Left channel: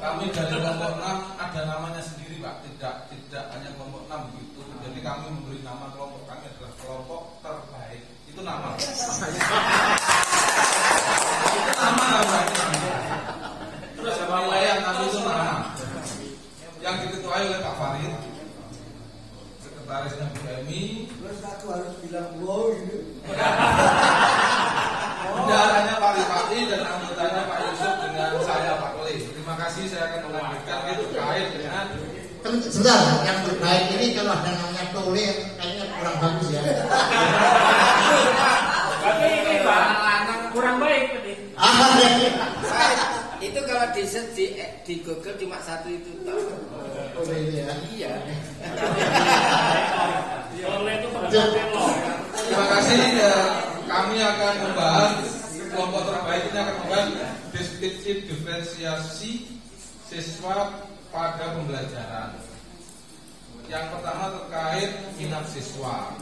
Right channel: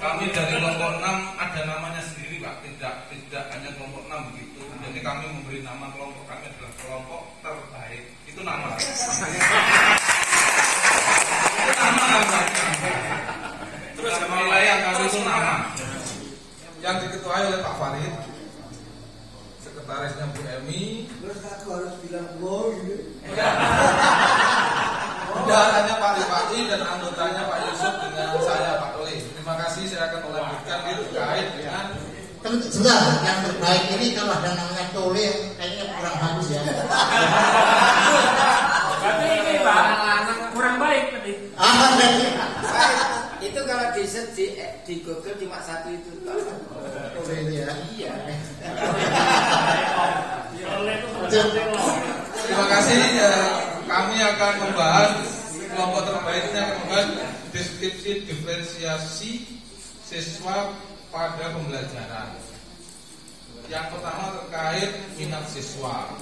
Kami dari kelompok 6 ada namanya sendiri Pak, tidak hanya kelompok 6 begitu. Jadi kami memberi nama kelompok kami adalah kelompok terbaik. Itu nama. Itu nama. Terus wilayah kami itu nama. Yang diketuai oleh Pak Farid, sekretarisnya Bu Elmi. Terus aku harus bilang wow gitu. Bendaharanya Pak Rifai dan anggotanya Pak Yusuf dengan saya Pak Kle. Terima kasih, saya akan melanjutkan terkait dengan sebentar, yang terbaik ini kalau ada namanya Tole kayaknya kurang bagus ya. Tapi ini Pak kurang baik tadi. Itu kalau di Google cuma satu itu. Tole ini ya. Iya. Terima kasih. Kami akan membahas kelompok terbaik ini akan membahas deskripsi diferensiasi siswa pada pembelajaran. Yang pertama terkait minat siswa.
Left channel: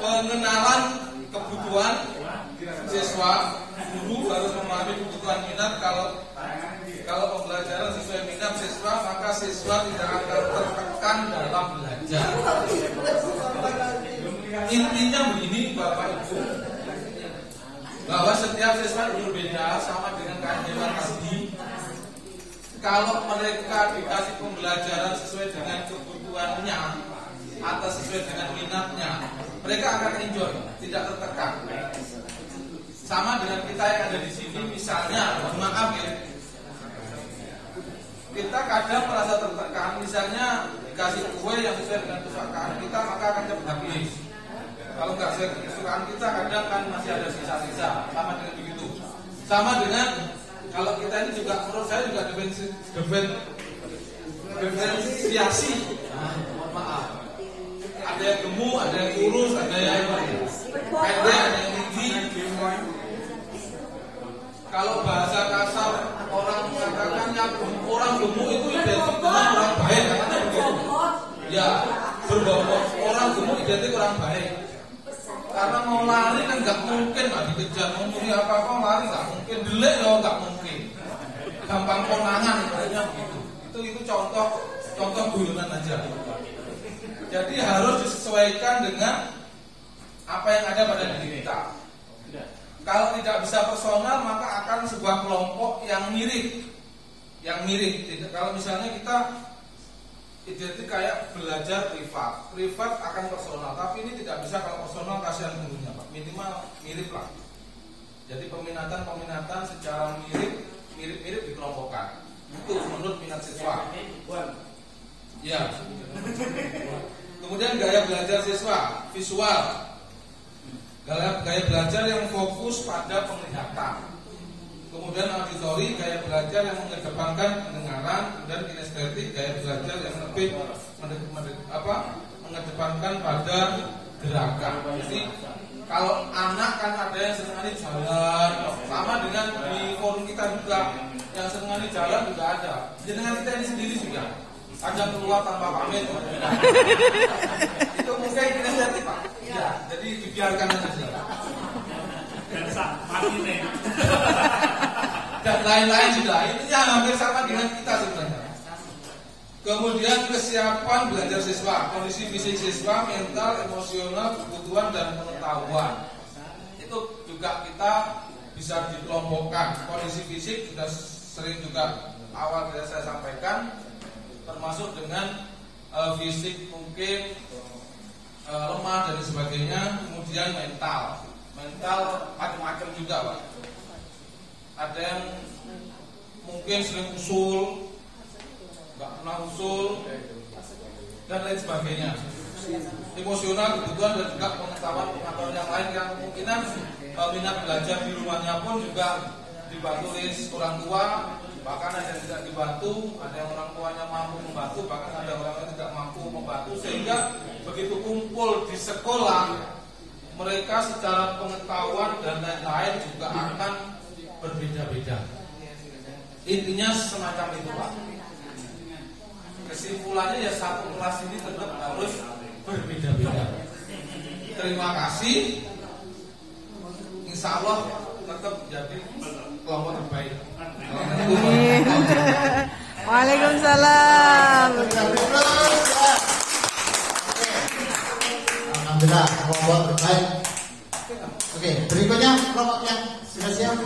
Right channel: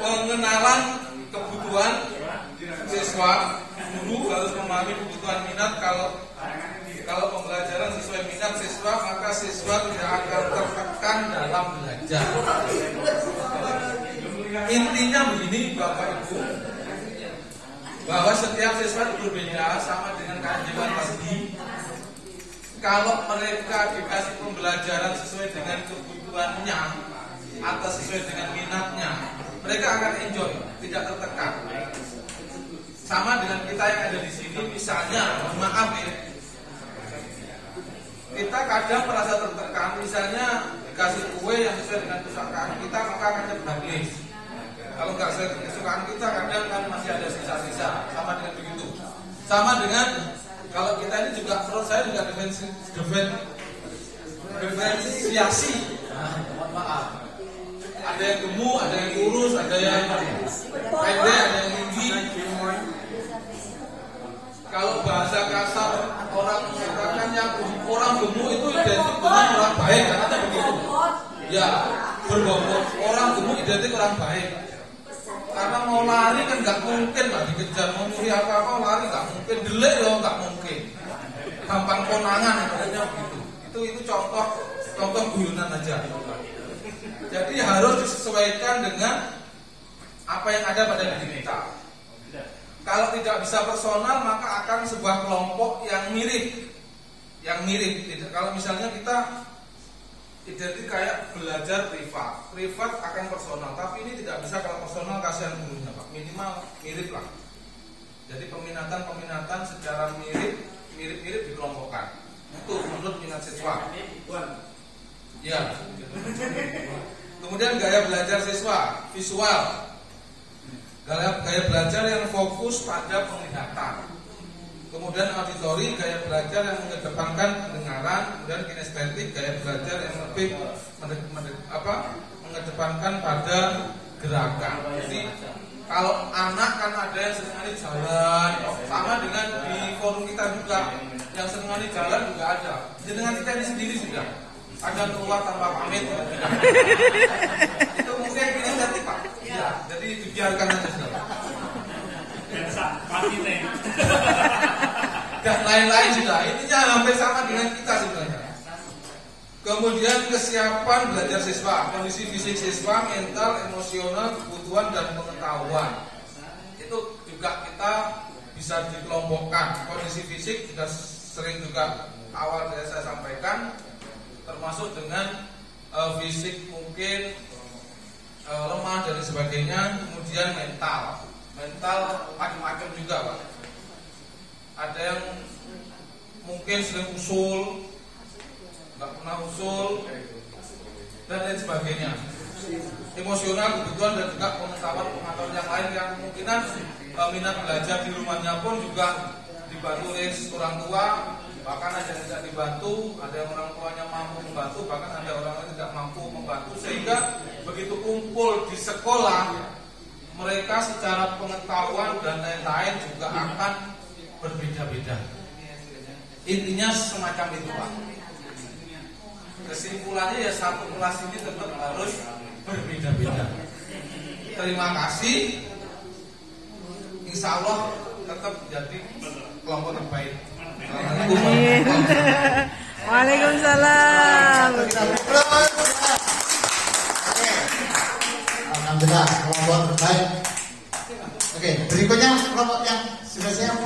Pengenalan kebutuhan siswa, guru harus memahami kebutuhan minat. Kalau pembelajaran sesuai minat siswa, maka siswa tidak akan tertekan dalam belajar. Intinya begini Bapak Ibu, bahwa setiap siswa berbeda, sama dengan keajaiban tadi. Kalau mereka dikasih pembelajaran sesuai dengan kebutuhannya atau sesuai dengan minatnya, mereka akan enjoy, tidak tertekan. Sama dengan kita yang ada di sini, misalnya, maaf ya, kita kadang merasa tertekan, misalnya dikasih kue yang sesuai dengan kesukaan kita, maka akan cepat habis. Kalau nggak sesuai dengan kesukaan kita, kadang kan masih ada sisa-sisa. Sama dengan begitu. Sama dengan kalau kita ini juga, menurut saya juga diferensiasi. Maaf. Ada yang gemuk, ada yang kurus, ada yang pendek, ada yang tinggi. Kalau bahasa kasar orang mengatakan yang orang gemuk itu identik dengan orang baik, katanya begitu. Ya, berbobot orang gemuk identik orang baik. Karena mau lari kan nggak mungkin lah dikejar, mau nyuri apa-apa lari nggak mungkin, delik ya nggak mungkin. Gampang konangan katanya begitu. Itu contoh guyonan aja. Jadi harus disesuaikan dengan apa yang ada pada diri kita. Kalau tidak bisa personal, maka akan sebuah kelompok yang mirip. Kalau misalnya kita identik kayak belajar privat akan personal. Tapi ini tidak bisa kalau personal, kasihan gurunya Pak. Minimal mirip lah. Jadi peminatan secara mirip dikelompokkan. Itu menurut minat siswa. Ya. Kemudian gaya belajar siswa, visual. Gaya belajar yang fokus pada penglihatan. Kemudian auditori, gaya belajar yang mengedepankan pendengaran. Kemudian kinestetik, gaya belajar yang lebih mengedepankan pada gerakan. Jadi kalau anak kan ada yang senangnya jalan, sama dengan di forum kita juga yang senangnya jalan juga ada. Dengan kita ini sendiri juga ada keluar tanpa pamit. Itu mungkin kinestetik Pak. Ya, jadi dibiarkan aja saja. Dan lain-lain juga. Ininya hampir sama dengan kita sebenarnya. Kemudian kesiapan belajar siswa, kondisi fisik siswa, mental, emosional, kebutuhan dan pengetahuan. Itu juga kita bisa dikelompokkan. Kondisi fisik kita sering juga awal saya sampaikan, termasuk dengan fisik mungkin lemah dan sebagainya. Kemudian mental macam-macam juga Pak. Ada yang mungkin sering usul, nggak pernah usul, dan lain sebagainya. Emosional, kebutuhan dan juga pengetahuan yang lain yang kemungkinan minat belajar di rumahnya pun juga dibantu oleh orang tua. Bahkan ada yang tidak dibantu, ada yang orang tuanya mampu membantu, bahkan ada orang yang tidak mampu membantu. Sehingga begitu kumpul di sekolah, mereka secara pengetahuan dan lain-lain juga akan berbeda-beda. Intinya semacam itu Pak. Kesimpulannya ya satu kelas ini tetap harus berbeda-beda. terima kasih. Insya Allah tetap jadi kelompok terbaik. Waalaikumsalam. Alhamdulillah, kelompok terbaik. Oke, berikutnya kelompok yang sudah siap.